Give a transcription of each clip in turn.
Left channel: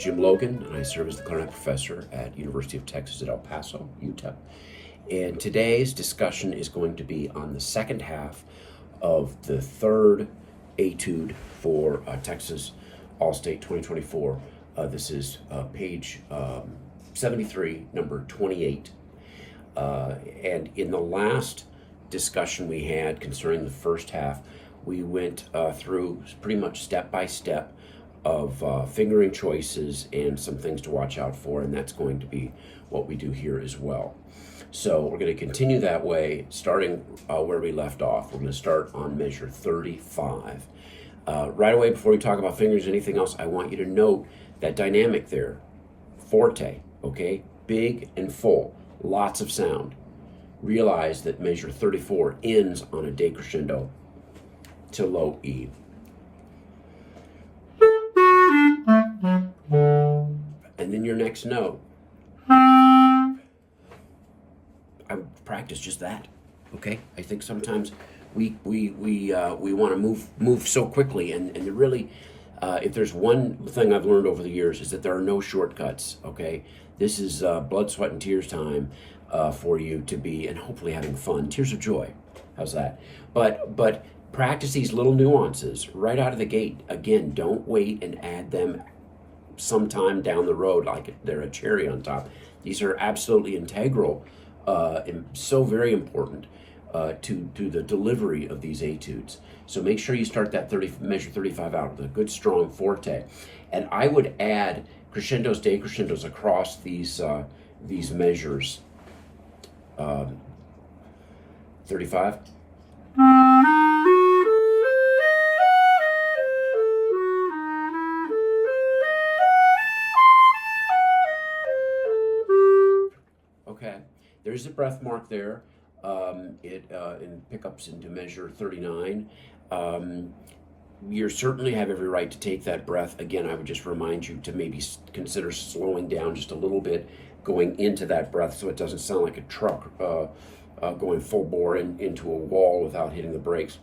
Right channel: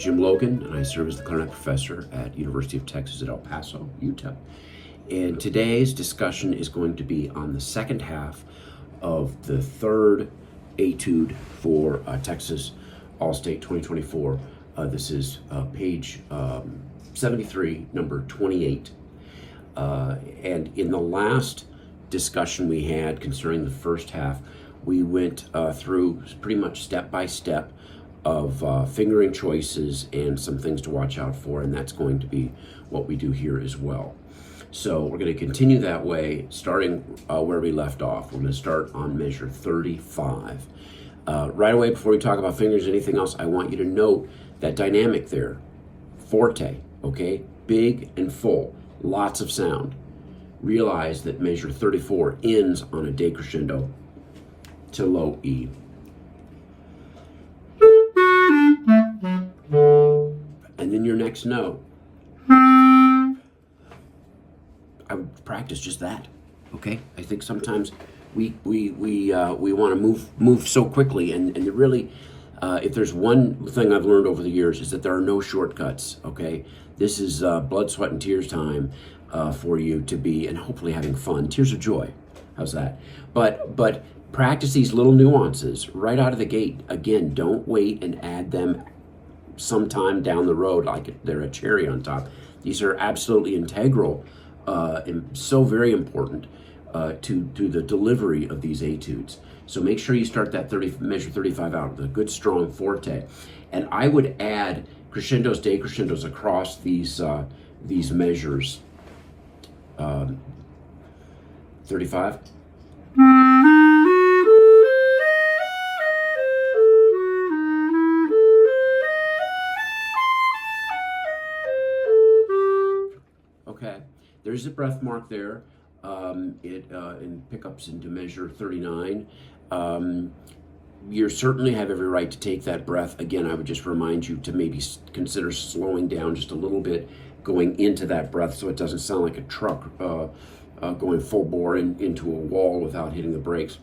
Jim Logan, and I serve as the clarinet professor at University of Texas at El Paso, UTEP. And today's discussion is going to be on the second half of the third etude for Texas All-State 2024. This is page 73, number 28. And in the last discussion we had concerning the first half, we went through pretty much step by step of fingering choices and some things to watch out for, and that's going to be what we do here as well. So we're going to continue that way, starting where we left off. We're going to start on measure 35. Right away, before we talk about fingers, anything else, I want you to note that dynamic there. Forte, okay? Big and full, lots of sound. Realize that measure 34 ends on a decrescendo to low E. And then your next note, I would practice just that, okay? I think sometimes we want to move so quickly, and really, if there's one thing I've learned over the years is that there are no shortcuts, okay? This is blood, sweat, and tears time for you to be, and hopefully having fun. Tears of joy, how's that? But practice these little nuances right out of the gate. Again, don't wait and add them sometime down the road like they're a cherry on top. These are absolutely integral and so very important to the delivery of these etudes. So make sure you start that measure 35 out with a good strong forte. And I would add crescendos, decrescendos across these measures. 35. Okay, there's a breath mark there. In pickups into measure 39. You certainly have every right to take that breath. Again, I would just remind you to maybe consider slowing down just a little bit going into that breath so it doesn't sound like a truck going full bore into a wall without hitting the brakes.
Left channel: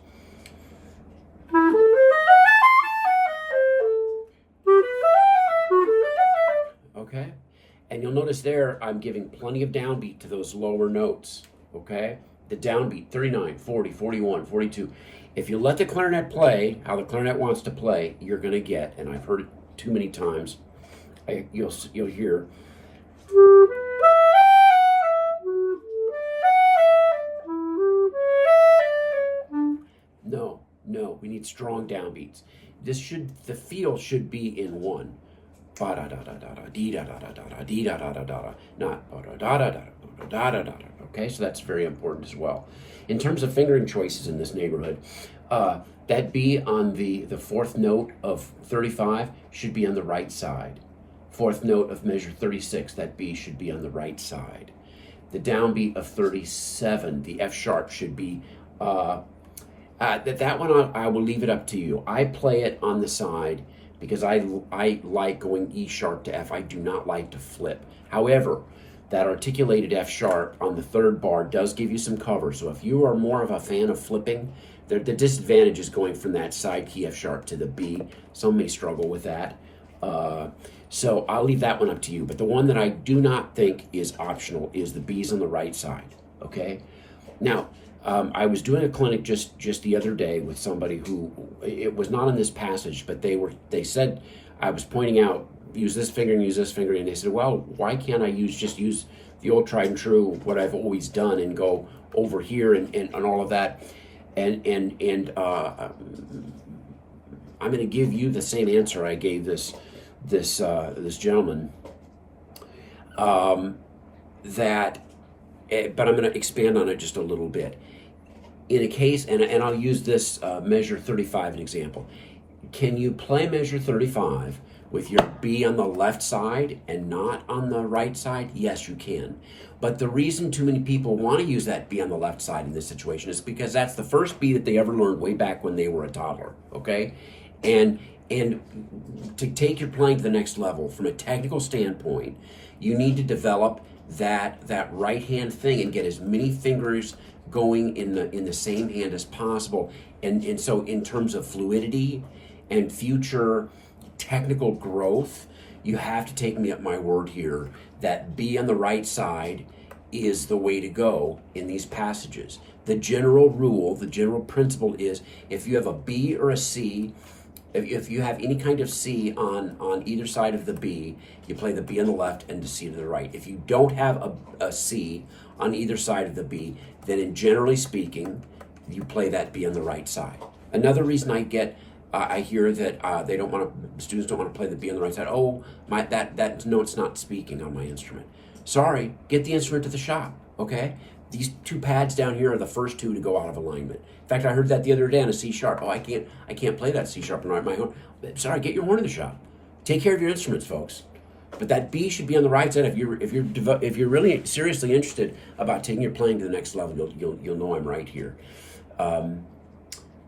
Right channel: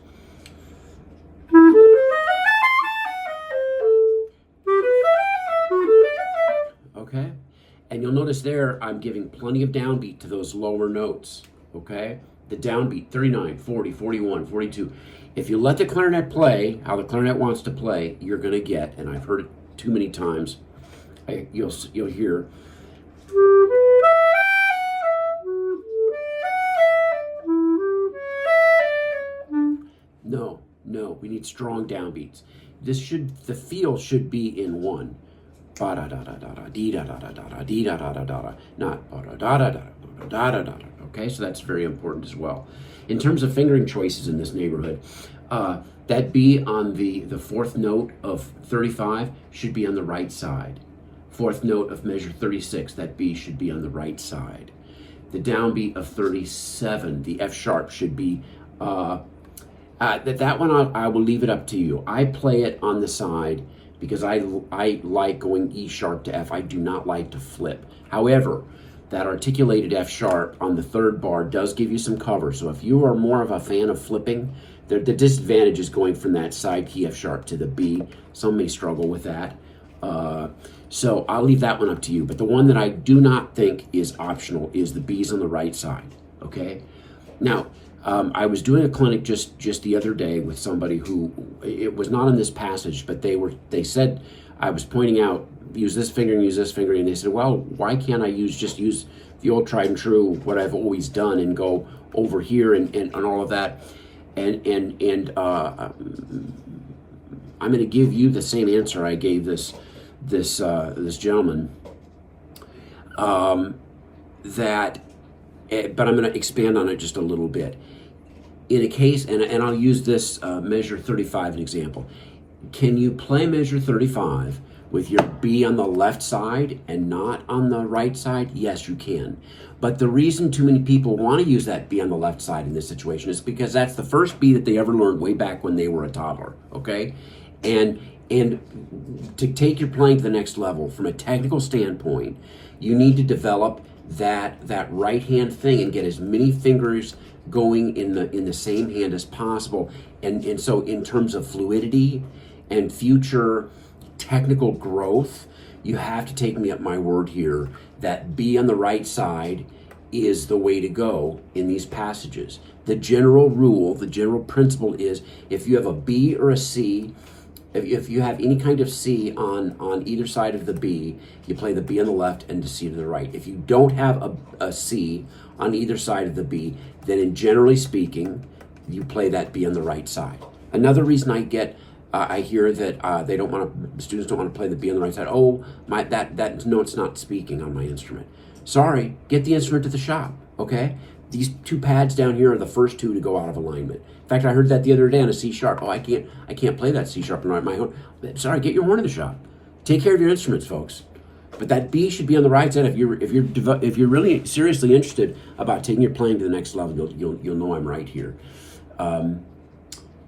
Okay? And you'll notice there, I'm giving plenty of downbeat to those lower notes, okay? The downbeat, 39, 40, 41, 42. If you let the clarinet play how the clarinet wants to play, you're gonna get, and I've heard it too many times, you'll hear, no, we need strong downbeats. The feel should be in one. Ba da da da da da dee da da da da da dee da da da da da, not ba da da da da da da da da. Okay, so that's very important as well. In terms of fingering choices in this neighborhood, that B on the fourth note of 35 should be on the right side. Fourth note of measure 36, that B should be on the right side. The downbeat of 37, the F sharp should be that one. I will leave it up to you. I play it on the side because I like going E sharp to F. I do not like to flip. However, that articulated F sharp on the third bar does give you some cover. So if you are more of a fan of flipping, the disadvantage is going from that side key F sharp to the B. Some may struggle with that. So I'll leave that one up to you. But the one that I do not think is optional is the B's on the right side, okay? Now, I was doing a clinic just the other day with somebody who, it was not in this passage, but they said, I was pointing out, use this fingering, and they said, well, why can't I just use the old tried and true, what I've always done, and go over here and all of that? And I'm going to give you the same answer I gave this gentleman. But I'm going to expand on it just a little bit. In a case, and I'll use this measure 35 as an example. Can you play measure 35 with your B on the left side and not on the right side? Yes, you can. But the reason too many people want to use that B on the left side in this situation is because that's the first B that they ever learned way back when they were a toddler, okay? And to take your playing to the next level from a technical standpoint, you need to develop that right hand thing and get as many fingers going in the same hand as possible. And so in terms of fluidity and future technical growth, you have to take me at my word here that B on the right side is the way to go in these passages. The general rule, the general principle is if you have a B or a C, if you have any kind of C on either side of the B, you play the B on the left and the C to the right. If you don't have a C on either side of the B, then in generally speaking, you play that B on the right side. Another reason I hear that students don't want to play the B on the right side. Oh, that note's not speaking on my instrument. Sorry, get the instrument to the shop, okay? These two pads down here are the first two to go out of alignment. In fact, I heard that the other day on a C sharp. Oh, I can't play that C sharp on my own. Sorry, get your horn in the shop. Take care of your instruments, folks. But that B should be on the right side. If you're really seriously interested about taking your playing to the next level, you'll know I'm right here. On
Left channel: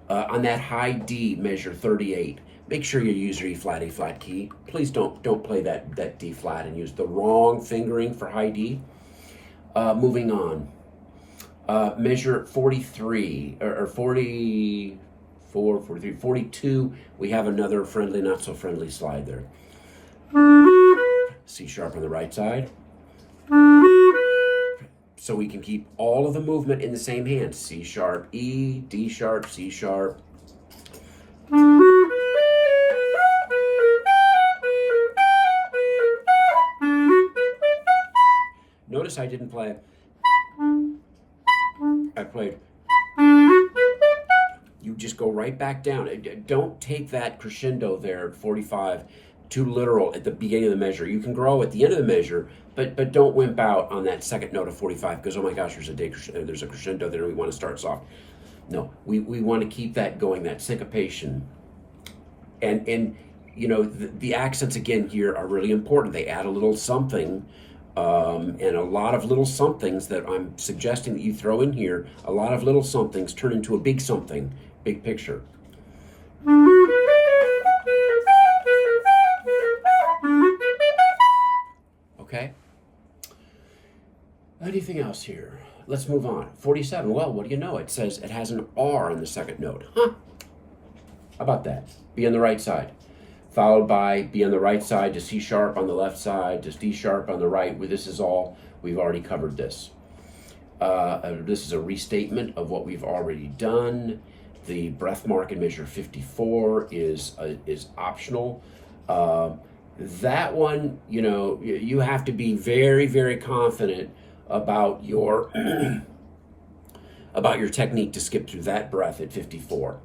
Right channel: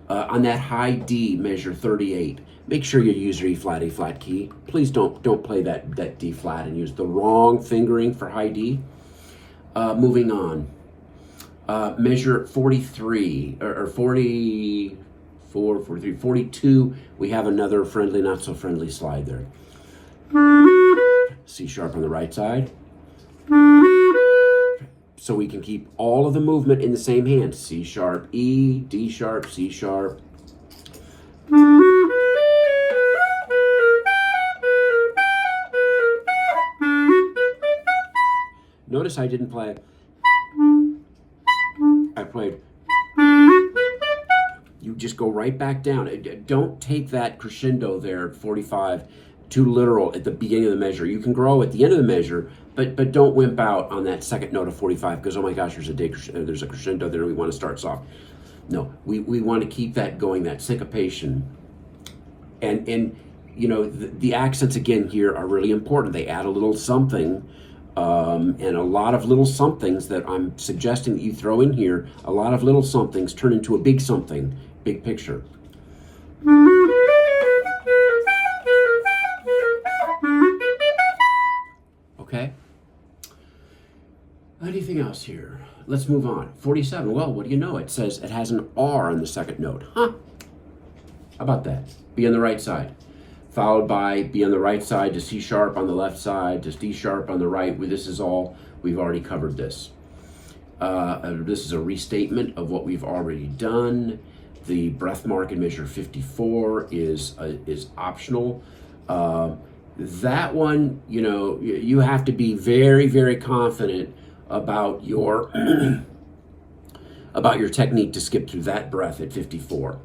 that high D, measure 38. Make sure you use your E flat, A flat key. Please don't play that D flat and use the wrong fingering for high D. Moving on. Measure 43 or 44, 43, 42. We have another friendly, not so friendly slide there. C sharp on the right side. So we can keep all of the movement in the same hand. C sharp, E, D sharp, C sharp. Notice I didn't play. I played. You just go right back down. Don't take that crescendo there at 45 too literal at the beginning of the measure. You can grow at the end of the measure, but don't wimp out on that second note of 45 because, oh my gosh, there's a crescendo there. We want to start soft. No, we want to keep that going, that syncopation. And you know, the accents again here are really important. They add a little something. And a lot of little somethings that I'm suggesting that you throw in here, a lot of little somethings turn into a big something, big picture. Okay? Anything else here? Let's move on. 47, well, what do you know? It says it has an R on the second note. Huh? How about that? B on the right side. Followed by B on the right side to C sharp on the left side to D sharp on the right. This is all, we've already covered this. This is a restatement of what we've already done. The breath mark in measure 54 is optional. That one, you know, you have to be very, very confident about your about your technique to skip through that breath at 54.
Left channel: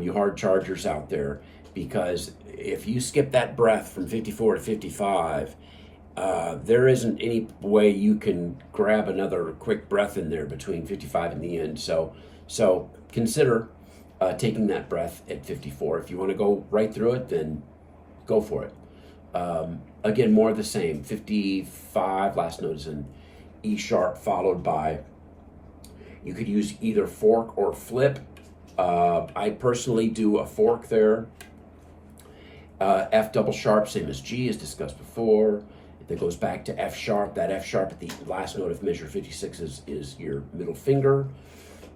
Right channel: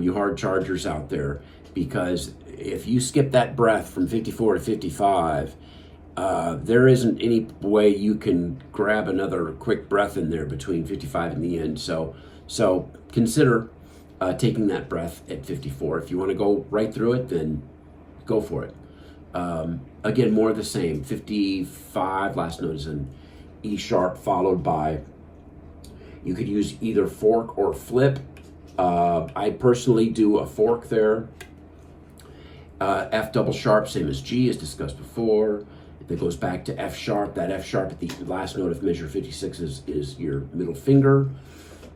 You hard chargers out there, because if you skip that breath from 54 to 55, there isn't any way you can grab another quick breath in there between 55 and the end. So consider taking that breath at 54. If you want to go right through it, then go for it. Again, more of the same. 55, last note is an E sharp followed by, you could use either fork or flip. I personally do a fork there. F double sharp, same as G, as discussed before. That goes back to F sharp. That F sharp at the last note of measure 56 is your middle finger.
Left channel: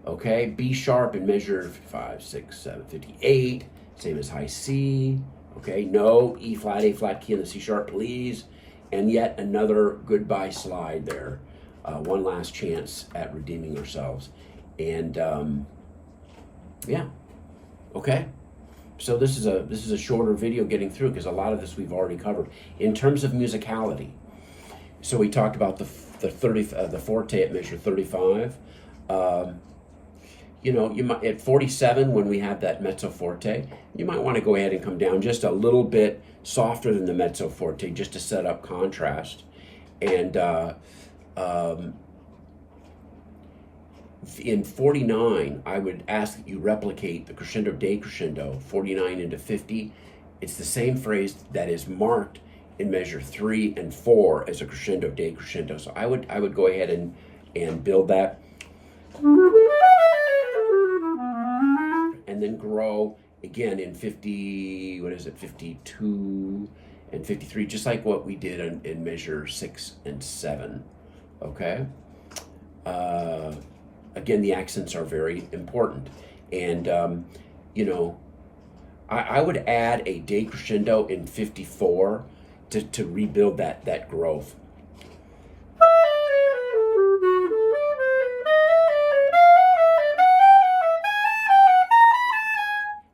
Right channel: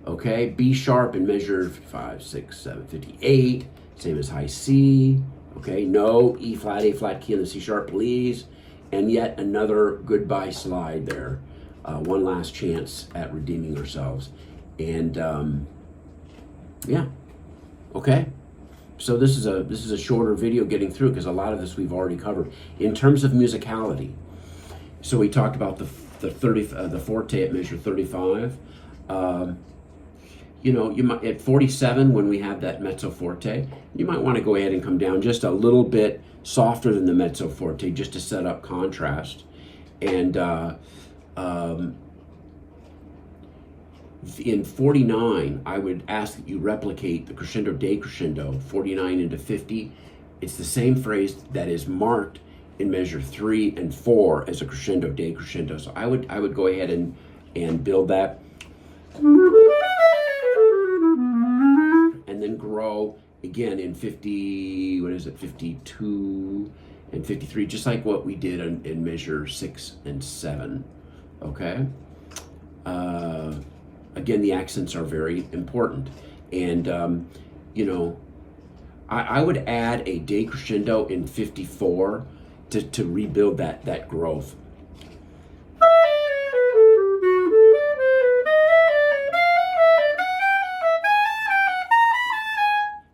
Okay, B sharp in measure 5, 6, 7, 58, same as high C. Okay, no E flat, A flat key on the C sharp, please. And yet another goodbye slide there. One last chance at redeeming ourselves. And yeah, okay. So this is a shorter video getting through because a lot of this we've already covered. In terms of musicality, so we talked about the forte at measure 35. You know, you might at 47 when we have that mezzo forte, you might want to go ahead and come down just a little bit softer than the mezzo forte just to set up contrast. And in 49, I would ask that you replicate the crescendo decrescendo, 49 into 50. It's the same phrase that is marked in measure 3 and 4 as a crescendo decrescendo. So I would go ahead and build that. And then grow again in 50, what is it, 52 and 53, just like what we did in measure 6 and 7, okay? Again, the accents are very important. And, you know, I would add a decrescendo in 54 to rebuild that growth.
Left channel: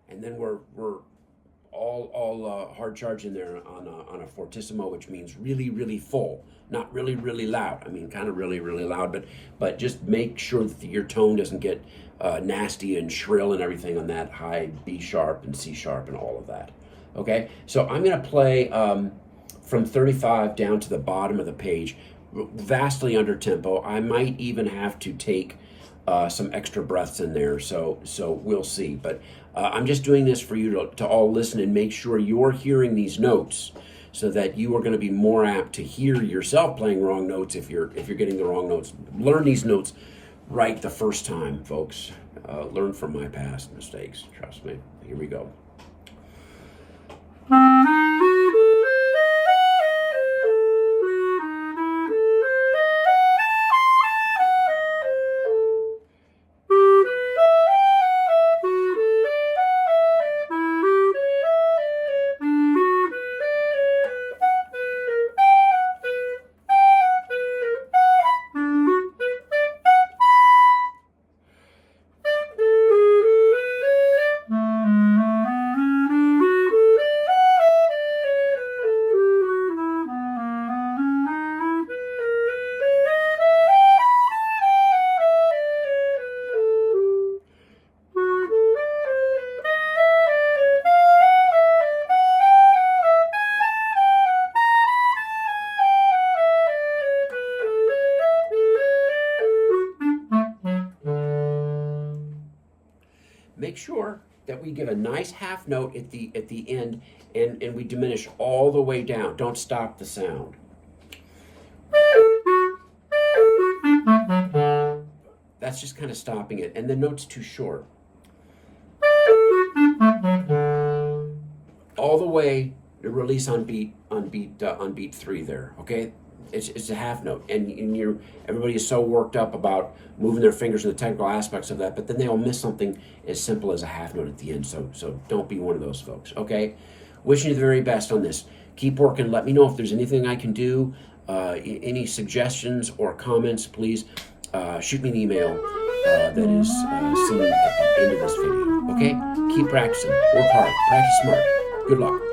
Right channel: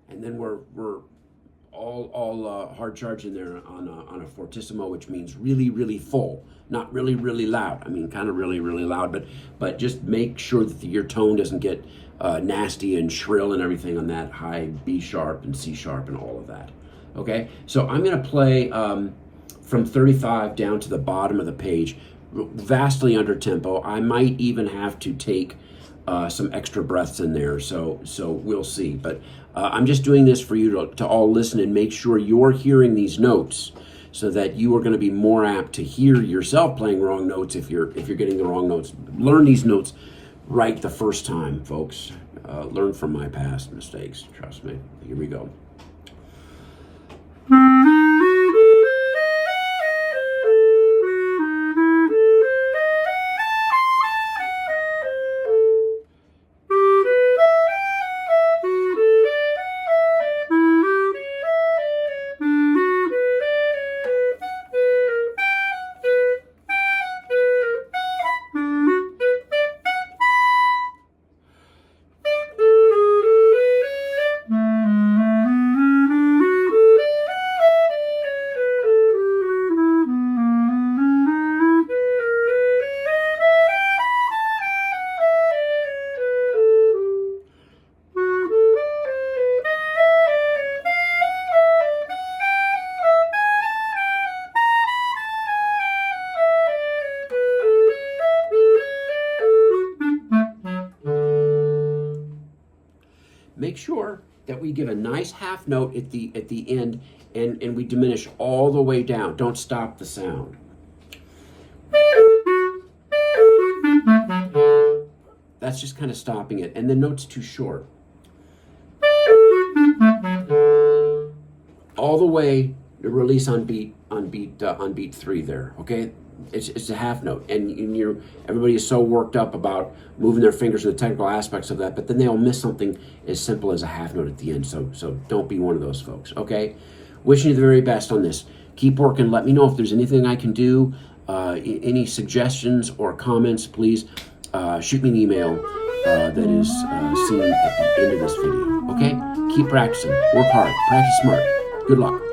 And then we're all hard charging there on a fortissimo, which means really, really full, not really, really loud. I mean, kind of really, really loud, but just make sure that your tone doesn't get nasty and shrill and everything on that high B sharp and C sharp and all of that. Okay, so I'm going to play from 35 down to the bottom of the page, vastly under tempo. I might even have to take some extra breaths in there, so we'll see. But I'm just doing this for you to all listen and make sure you're hearing these notes, so that you are going to be more apt to hear yourself playing wrong notes if you're getting the wrong notes. Learn these notes right the first time, folks. Learn from my past mistakes. Trust me. Here we go. Make sure that we give a nice half note at the end, and we diminish all the way down. Don't stop the sound. That's just kind of stopping it, and the note's too short. All the way to release on beat 3 there. Okay, it's a half note, and everybody is so worked up about moving their fingers to the technical aspects of that, but then they'll miss something as simple as a half note at the end. So don't be one of those folks. Okay, wishing you the very best on this. Keep working. Let me know if there's anything I can do. Any suggestions or comments, please shoot me an email that is seen at the end of this video. Okay, keep practicing. Work hard. Practice smart. Good luck.